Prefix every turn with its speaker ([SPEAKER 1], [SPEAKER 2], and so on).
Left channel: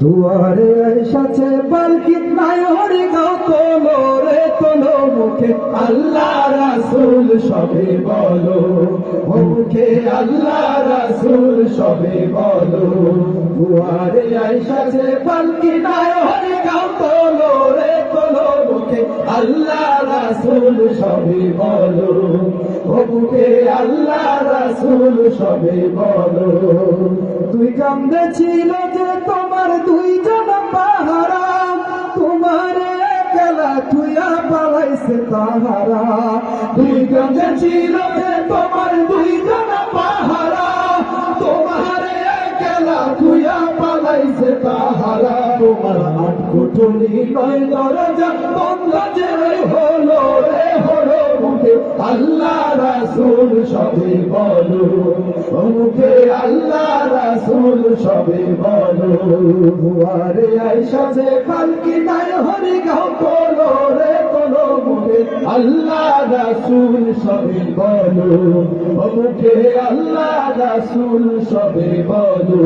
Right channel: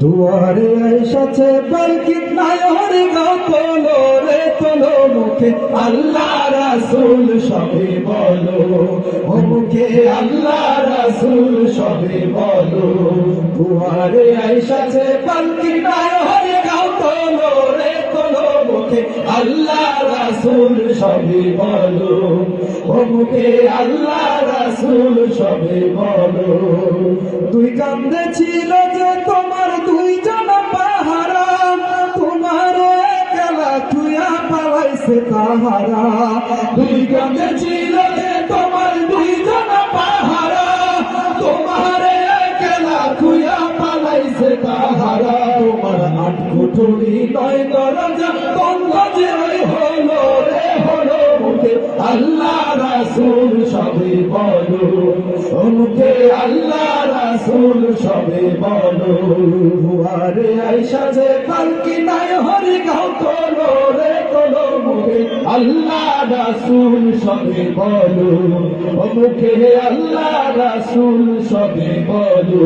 [SPEAKER 1] দুয়ারে এসেছে পালকি নাই হরি গাও তোলো রে, তোলো মুখে। আল্লাহ রাসূল সবে বলো, মুখে আল্লাহ রাসূল সবে বলো। দুয়ারে এসেছে পালকি নাই হরি গাও তোলো রে, তোলো মুখে। আল্লাহ রাসূল সবে বলো, মুখে আল্লাহ রাসূল সবে বলো। তুই কান্দে ছিল যে তোমার পালাইছে তাহারা তুই কান্দে ছিল যে তোমার দুই দুইজন পাহারা। তোমার খেলা তুইয়া পালাইছে তাহারা তোমার আট কুটুনি নয়, দরজা বন্ধ যে হলো রে হলো মুখে। আল্লাহ রাসূল সবে বলো, মুখে আল্লাহ রাসূল সবে বলো। দুয়ারে আইসা যে কালকি নাই হরি গাও তোলো আল্লাহ রাসুল সবে বলো মুখে আল্লাহ রাসুল সবে বলো।